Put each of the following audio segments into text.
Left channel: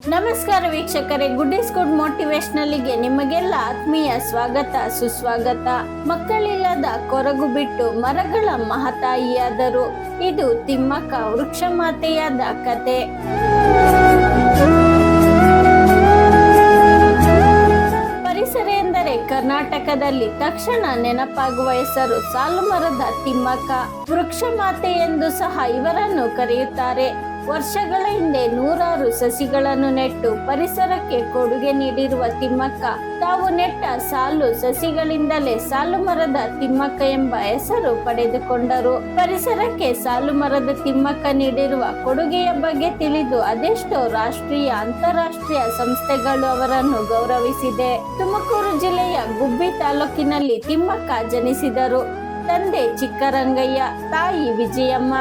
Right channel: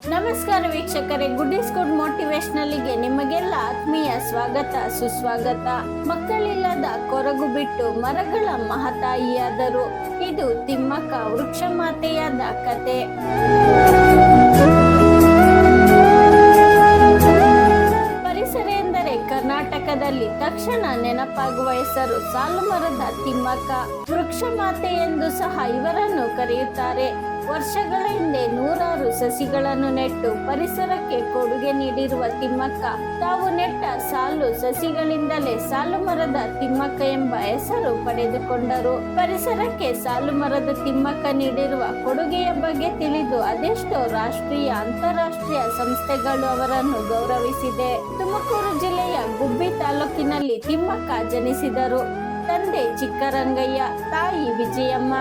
ನಮಸ್ಕಾರ ವೀಕ್ಷಕರೇ good is good ಮೋಟಿವೇಶನಲ್ಗೆ ನಿಮಗೆಲ್ಲ ಆತ್ಮೀಯ ಸ್ವಾಗತ, ಸುಸ್ವಾಗತ. ಮಕ್ಕಳಿಲ್ಲದ ಕೊರಗು ಬಿಟ್ಟು ಮರಗಳ ಮಹತಾಯಿಯಾದರು. ಇದು ತಿಮ್ಮಕ್ಕ ವೃಕ್ಷ ಮಾತೆಯಾದ ಕತೆ. ಪರಿಸರ ಎಂದರೆ ಕರ್ನಾಟಕದಲ್ಲಿ ತಕ್ಷಣ ನೆನಪಾಗುವ ಹೆಸರು ಸಾಲು ಮರದ ತಿಮ್ಮಕ್ಕ. ವೃಕ್ಷ ಮಾತೆ ಎಂದು ಸಹ ಇವರನ್ನು ಕರೆಯುತ್ತಾರೆ. ವರ್ಷಗಳ ಸಸಿಗಳನ್ನು ನೆಟ್ಟು ಪರಿಸರಕ್ಕೆ ಕೊಡುಗೆ ನೀಡಿರುವ ತಿಮ್ಮಕ್ಕ. ತಾವು ನೆಟ್ಟ ಸಾಲು ಸಸಿಗಳಿಂದಲೇ ಸಾಲು ಮರದ ತಿಮ್ಮಕ್ಕ ಎಂಬ ಹೆಸರು ಪಡೆದುಕೊಂಡರು. ಪರಿಸರಕ್ಕೆ ಸಾಲು ಮರದ ತಿಮ್ಮಕ್ಕ ನೀಡಿರುವ ಕೊಡುಗೆಯ ಬಗ್ಗೆ ತಿಳಿದು ಅದೆಷ್ಟೋ ರಾಷ್ಟ್ರೀಯ, ಅಂತಾರಾಷ್ಟ್ರೀಯ ಸಂಸ್ಥೆಗಳು ಅವರನ್ನು ಗೌರವಿಸಿದೆ. ತುಮಕೂರು ಜಿಲ್ಲೆಯ ಗುಬ್ಬಿ ತಾಲೂಕಿನಲ್ಲಿ ತಿಮ್ಮಕ್ಕ ಜನಿಸಿದರು. ತಂದೆ ಚಿಕ್ಕರಂಗಯ್ಯ, ತಾಯಿ ವಿಜಯಮ್ಮ.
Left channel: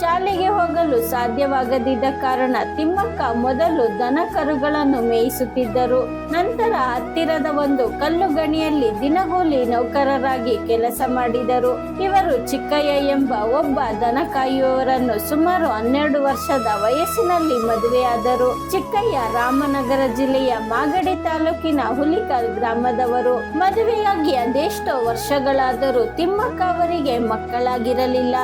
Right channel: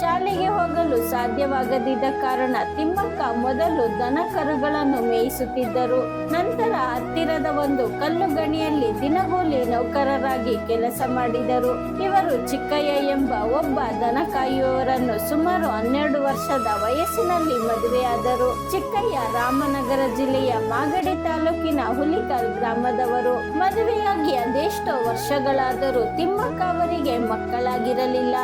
ಶಾಲೆಗೆ ಹೋಗಲು ಸಾಧ್ಯವಾಗದಿದ್ದ ಕಾರಣ ತಿಮ್ಮಕ್ಕ ಮೊದಲು ದನ ಕರುಗಳನ್ನು ಮೇಯಿಸುತ್ತಿದ್ದರು. ನಂತರ ಹತ್ತಿರದ ಒಂದು ಕಲ್ಲು ಗಣಿಯಲ್ಲಿ ದಿನಗೂಲಿ ನೌಕರರಾಗಿ ಕೆಲಸ ಮಾಡಿದರು. ಇವರು ಚಿಕ್ಕಯ್ಯ ಎಂಬ ಒಬ್ಬ ದನ ಕಾಯುವವರನ್ನು ಸುಮಾರು ಹನ್ನೆರಡು ವರ್ಷದ ವಯಸ್ಸಿನಲ್ಲಿ ಮದುವೆಯಾದರು. ಚಿಕ್ಕಯ್ಯ ರಾಮನಗರ ಜಿಲ್ಲೆಯ ಮಾಗಡಿ ತಾಲೂಕಿನ ಹುಲಿಕಲ್ ಗ್ರಾಮದವರು. ಮದುವೆಯಾಗಿ ಅದೆಷ್ಟೋ ವರ್ಷಗಳಾದರೂ ತಿಮ್ಮಕ್ಕ ಅವರಿಗೆ ಮಕ್ಕಳಾಗಿರಲಿಲ್ಲ.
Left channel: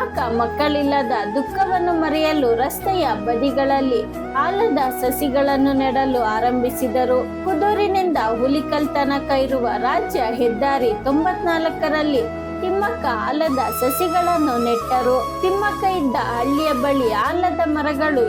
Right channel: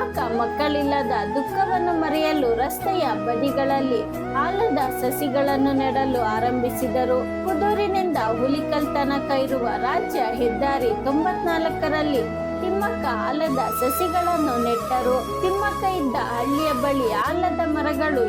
ತಿಮ್ಮಕ್ಕ ಮಕ್ಕಳಿಲ್ಲದ ದುಃಖವನ್ನು ಮರೆಯಲು ರಸ್ತೆಯ ಬದಿಗಳಲ್ಲಿ ಆಲದ ಸಸಿಗಳನ್ನು ನೆಡಲು ಆರಂಭಿಸಿದರು. ಕುದೂರಿನಿಂದ ಹುಲಿಕಲ್ ತನಕ ಇರುವ ರಾಜ್ಯ ಹೆದ್ದಾರಿ ತೊಂಬತ್ನಾಲ್ಕರಲ್ಲಿ ತಿಮ್ಮಕ್ಕ ಆಲದ ಸಸಿಗಳನ್ನು ನೆಟ್ಟರು. ತಿಮ್ಮಕ್ಕ ಇದ್ದ ಹಳ್ಳಿಯ ಬಳಿ ಆಲದ ಮರಗಳು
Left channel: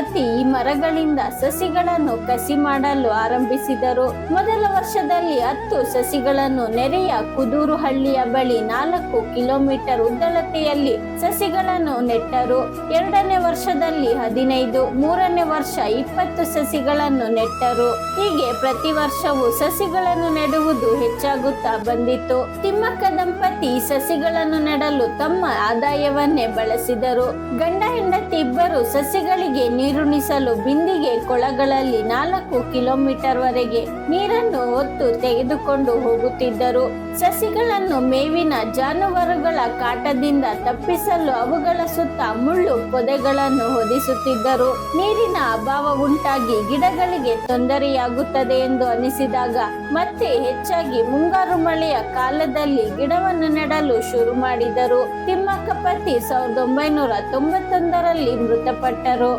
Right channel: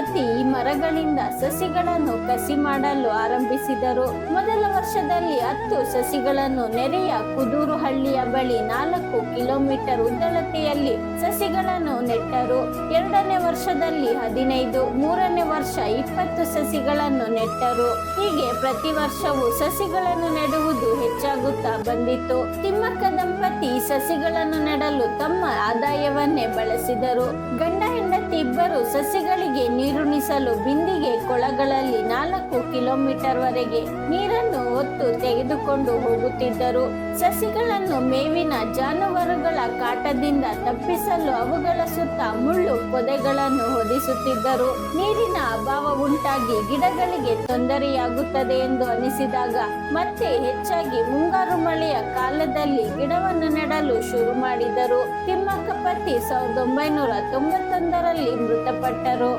ಪತಿ ಮರಗಳಿಂದ ಸಸಿಗಳನ್ನು ಕಸಿ ಮಾಡಲು ಆರಂಭಿಸಿದರು. ಮೊದಲ ವರ್ಷದಲ್ಲಿ ಹತ್ತು ಸಸಿಗಳನ್ನು ನೆರೆಯ ಕುದೂರು ಹಳ್ಳಿಯ ಬಳಿ ನಾಲ್ಕು ಕಿಲೋಮೀಟರ್ ಉದ್ದಳತೆಯಲ್ಲಿ ಸಸಿಗಳನ್ನು ನೆಟ್ಟರು. ಎರಡನೇ ವರ್ಷದಲ್ಲಿ ಹದಿನೈದು, ಮೂರನೇ ವರ್ಷ ಇಪ್ಪತ್ತು ಸಸಿಗಳನ್ನು ನೆಟ್ಟರು. ಹೀಗೆ ಪ್ರತಿ ವರ್ಷವೂ ಸಸಿಗಳನ್ನು ನೆಡುವುದು ಹೆಚ್ಚಾಗುತ್ತಾ ಬಂದಿತ್ತು. ತಿಮ್ಮಕ್ಕ ದಂಪತಿ ಸಸಿಗಳನ್ನು ನೆಡಲು ತಮ್ಮ ಆದಾಯವನ್ನೇ ಬಳಸಿದರು. ಗಂಡ ಹೆಂಡತಿ ಇಬ್ಬರು ಸಸಿಗಳಿಗೆ ನೀರುಣಿಸಲು ಬಿಂದಿಗೆ ಕೊಳಗಳಲ್ಲಿ ನಾಲ್ಕು ಕಿಲೋಮೀಟರ್ ವರೆಗೆ ನೀರನ್ನು ಹೊತ್ತು ತೆಗೆದುಕೊಂಡು ಹೋಗುತ್ತಿದ್ದರು. ಸಸಿಗಳನ್ನು ಮೇವಿನ ಜಾನುವಾರುಗಳ ಕಾಟದಿಂದ ತಪ್ಪಿಸಲು ಅವುಗಳ ಸುತ್ತ ಮುಳ್ಳು ಪೊದೆಗಳನ್ನು ಹೊದಿಸುತ್ತಿದ್ದರು. ನೀರಿನ ಅಭಾವ ಉಂಟಾಗಿ ಗಿಡಗಳಿಗೆ ತೊಂದರೆಯಾಗುತ್ತದೆ ಎಂದು ಅನಿಸಿದಾಗ ಮತ್ತೆ ಹೆಚ್ಚಾಗಿ ಮುಂಗಾರು ಮಳೆಯ ಕಾಲದಲ್ಲಿ ಗಿಡವನ್ನು ನೆಡಲು ಶುರು ಮಾಡಿದರು. ತಿಮ್ಮಕ್ಕ ಪತಿ ಸಾವಿರದ ಒಂಬೈನೂರ ತೊಂಬತ್ತೊಂದರಲ್ಲಿ ಮೃತಪಟ್ಟರು.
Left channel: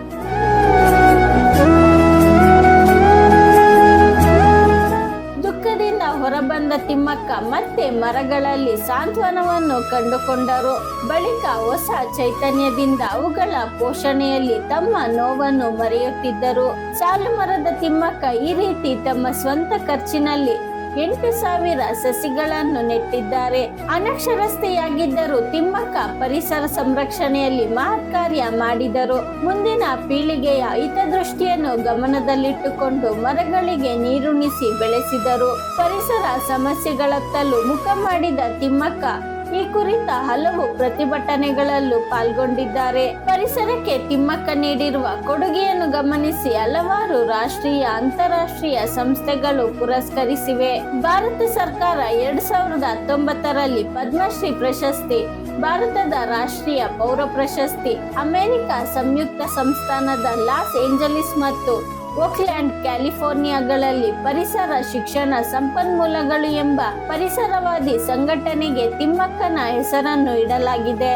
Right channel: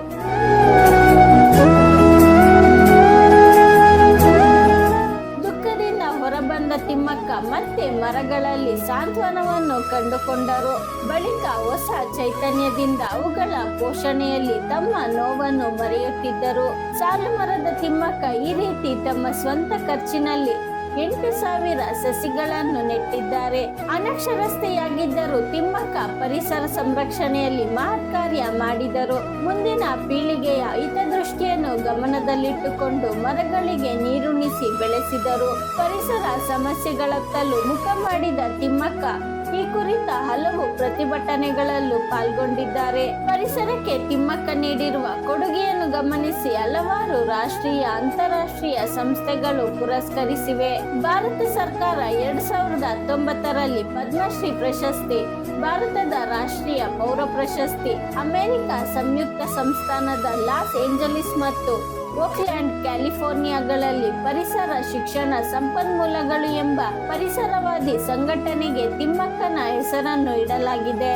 ದುಃಖದಿಂದ ಹೊರಬಂದ ತಿಮ್ಮಕ್ಕ ಮತ್ತೆ ಮರಗಳಲ್ಲಿ ಸಾಂತ್ವನವನ್ನು ಕಂಡುಕೊಂಡರು. ಬಳಿಕ ಹೊಸ ಚೈತನ್ಯದಿಂದ ಅವುಗಳ ಪೋಷಣೆಯಲ್ಲಿ ತಮ್ಮ ನೋವನ್ನು ಮರೆಯುತ್ತಿದ್ದರು. ಸಾಲು ಮರದ ತಿಮ್ಮಕ್ಕ ಈ ರೀತಿ ತಮ್ಮ ಸ್ವಂತ ಖರ್ಚಿನಲ್ಲಿ ಎಂಟು ಸಾವಿರ ಸಸಿಗಳನ್ನು ನೆಟ್ಟಿದ್ದಾರೆ. ಅನಕ್ಷರಸ್ಥೆಯಾಗಿದ್ದರೂ ತಿಮ್ಮಕ್ಕ ಪರಿಸರ ಸಂರಕ್ಷಣೆಯಲ್ಲಿ ಮಹತ್ ಕಾರ್ಯ ಮಾಡಿದರು. ಮುಂದಿನ ಪೀಳಿಗೆಯ ಹಿತದೃಷ್ಟಿಯನ್ನು ಗಮನದಲ್ಲಿಟ್ಟುಕೊಂಡು ಮರಗಳಿಗೆ ನೀರುಣಿಸಿ ಬೆಳೆಸಿದರು. ಪರಿಸರ ಸಮಸ್ಯೆಗಳತ್ತಲೂ ಮುಖ ಮಾಡಿದ ತಿಮ್ಮಕ್ಕ ಕುರಿತ ಹಲವು ಪ್ರತಿಭಟನೆಗಳಲ್ಲೂ ಪಾಲ್ಗೊಂಡಿದ್ದಾರೆ. ಪರಿಸರಕ್ಕೆ ತಿಮ್ಮಕ್ಕ ನೀಡಿರುವ ಕೊಡುಗೆಯನ್ನು ಗಮನಿಸಿ ಹಲವಾರು ರಾಷ್ಟ್ರೀಯ, ಅಂತಾರಾಷ್ಟ್ರೀಯ ಸಂಸ್ಥೆಗಳು ಪುರಸ್ಕರಿಸಿವೆ. ಭಾರತ ಸರ್ಕಾರ ಎರಡ್ ಸಾವಿರದ ಹತ್ತೊಂಬತ್ತರಲ್ಲಿ ಪದ್ಮಶ್ರೀ ಪ್ರಶಸ್ತಿ ಭಾರತದ ರಾಷ್ಟ್ರೀಯ ಪೌರ ಪ್ರಶಸ್ತಿ ಅಮೆರಿಕ ಸಂಯುಕ್ತ ಸಂಸ್ಥಾನದ ಲಾಸ್ ಏಂಜಲೀಸ್ ಮತ್ತು ಓಕ್ಲ್ಯಾಂಡ್ ಕ್ಯಾಲಿಫೋರ್ನಿಯಾಗಳಲ್ಲಿ ಪರಿಸರ ಶಿಕ್ಷಣ ಸಂಪನ್ಮೂಲಗಳು ಎಂಬ ಪರಿಸರವಾದಿ ಸಂಘಟನೆಗೆ ತಿಮ್ಮಕ್ಕನ ಹೆಸರನ್ನು ಇಡಲಾಗಿದೆ.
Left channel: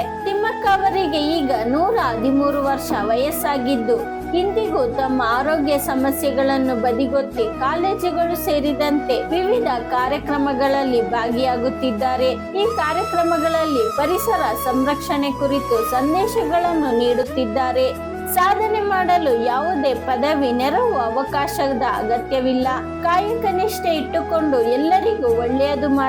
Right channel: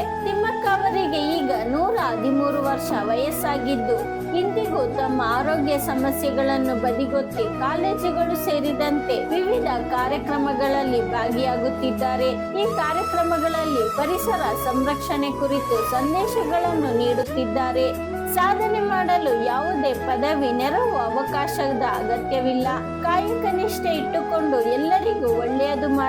ಅವರಿಗೆ ಈಗ ನೂರ ಹದಿಮೂರು ವರ್ಷ ವಯಸ್ಸಾಗಿದ್ದು. ಇಂದಿಗೂ ತಮ್ಮ ಆರೋಗ್ಯ ಸಮಸ್ಯೆಗಳನ್ನು ಬದಿಗೊತ್ತಿ ಕಾಲೇಜುಗಳು ಸೇರಿದಂತೆ ವಿವಿಧ ಕಾರ್ಯಕ್ರಮಗಳಲ್ಲಿ ಭಾಗಿಯಾಗುತ್ತಿದ್ದಾರೆ. ಈ ಕಾರ್ಯಕ್ರಮಗಳಲ್ಲಿ ಪರಿಸರ ಸಂರಕ್ಷಣೆ ಕುರಿತು ಸಂದೇಶಗಳನ್ನು ನೀಡುತ್ತಿದ್ದಾರೆ. ಸಾಧನೆ ಮಾಡಲು ಯಾವುದೇ ಪದವಿ, ನೆರವು, ಅವಕಾಶದ ಅಗತ್ಯವಿಲ್ಲ. ಕಾಯಕ ನಿಷ್ಠೆ ಇಟ್ಟುಕೊಂಡು ಎಲ್ಲರಿಗೂ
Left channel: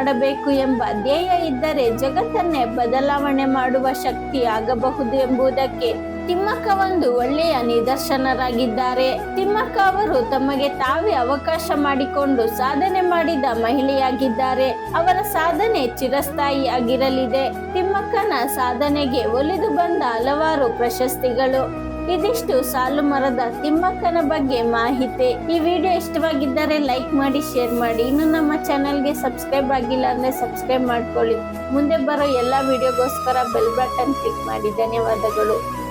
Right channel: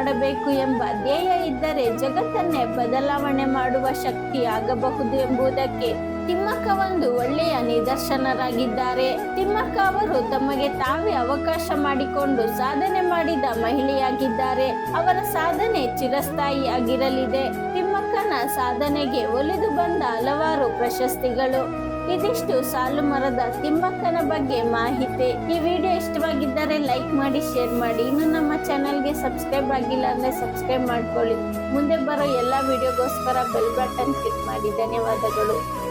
ಮಾಡಬೇಕು ಎಂಬ ಧ್ಯೇಯ ಇದ್ದರೆ ಜಗತ್ತನ್ನೇ ಬದಲಾವಣೆ ಮಾಡುವ ಶಕ್ತಿ ಆಗಬಹುದು ಎಂಬುದಕ್ಕೆ ತಿಮ್ಮಕ್ಕ ಒಂದು ಒಳ್ಳೆಯ ನಿದರ್ಶನರಾಗಿದ್ದಾರೆ. ತಿಮ್ಮಕ್ಕ ಅವರು ತಮಗೆ ತಾವೇ ಅವಕಾಶ ಮಾಡಿಕೊಂಡು ಸಾಧನೆ ಮಾಡಿದ ಮಹಿಳೆಯಾಗಿದ್ದಾರೆ. ಅವರ ಸಾಧನೆ ಚಿರಸ್ಥಾಯಿಯಾಗಿರಲಿದೆ. ತಿಮ್ಮಕ್ಕನ ಸಾಧನೆಗೆ ಒಲಿದು ಬಂದ ಹಲವಾರು ಪ್ರಶಸ್ತಿಗಳು. ಇದಿಷ್ಟು ಸಾಲು ಮರದ ತಿಮ್ಮಕ್ಕನ ಬಗ್ಗೆ ಮಾಹಿತಿ. ಈ ವಿಡಿಯೋ ಇಷ್ಟವಾಗಿದ್ದರೆ ಲೈಕ್ ಮಾಡಿ, ಶೇರ್ ಮಾಡಿ. ಇನ್ನು ನಮ್ಮ ಚಾನಲ್ಗೆ ಸಬ್ಸ್ಕ್ರೈಬ್ ಆಗಿಲ್ಲ ಅಂದ್ರೆ ಸಬ್ಸ್ಕ್ರೈಬ್ ಮಾಡ್ಕೊಳ್ಳಿ. ಮುಂದೆ ಬರೋ ಎಲ್ಲ ವಿಡಿಯೋಗೋಸ್ಕರ ಬೆಲ್ ಬಟನ್ ಕ್ಲಿಕ್ ಮಾಡಿ. ಧನ್ಯವಾದಗಳು.